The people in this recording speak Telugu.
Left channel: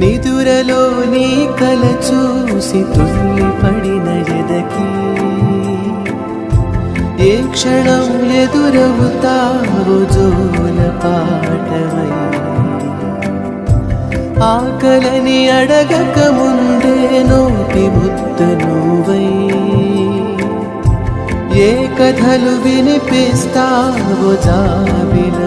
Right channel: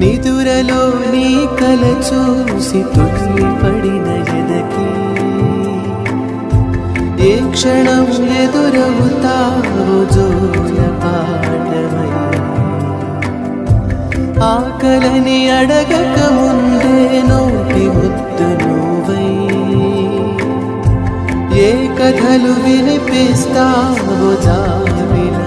నిదురలో నీ కల చూసి తుల్లిపడిన ఎదకి ఏ క్షణం ఎదురవుతావు జోల పాటవై ఆకలని అడగక ముందే నోటి ముద్దు నువ్వై ఏ కథలు వినిపిస్తావు జాబిల